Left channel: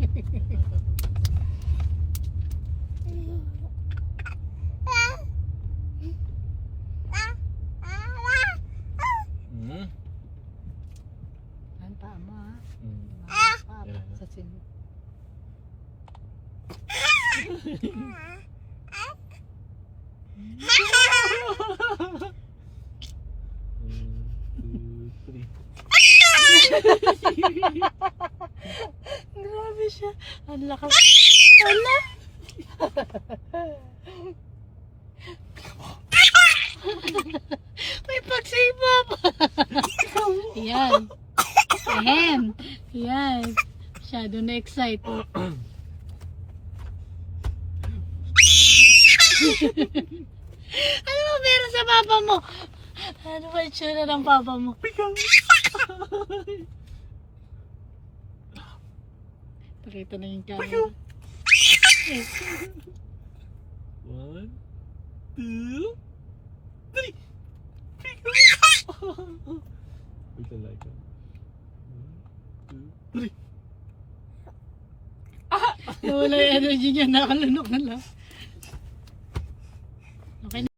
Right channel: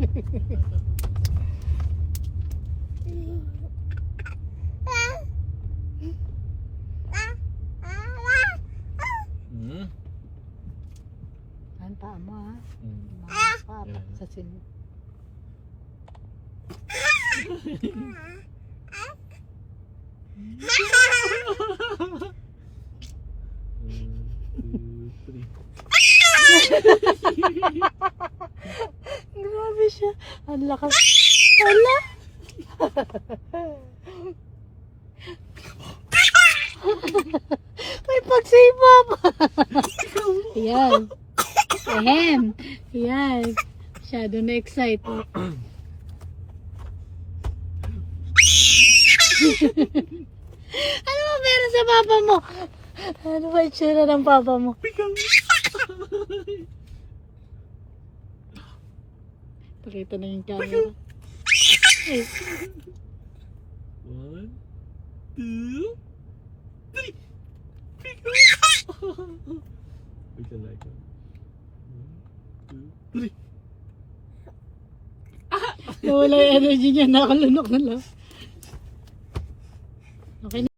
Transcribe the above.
Ang paa mo ha. Paa sa silo. Grabe siya. Ang lakas. Hala. May pagsipop. Yan. Ahem. Yan. Masyado na excite. Ano ba meron sa papa mo? Ano ba itsura ng papa mo? Pakita na yung camera. 1, 2, 3. Wait a like 1, 2, 3. Nawala yung energy niya. Nakalunok na lang. Okay.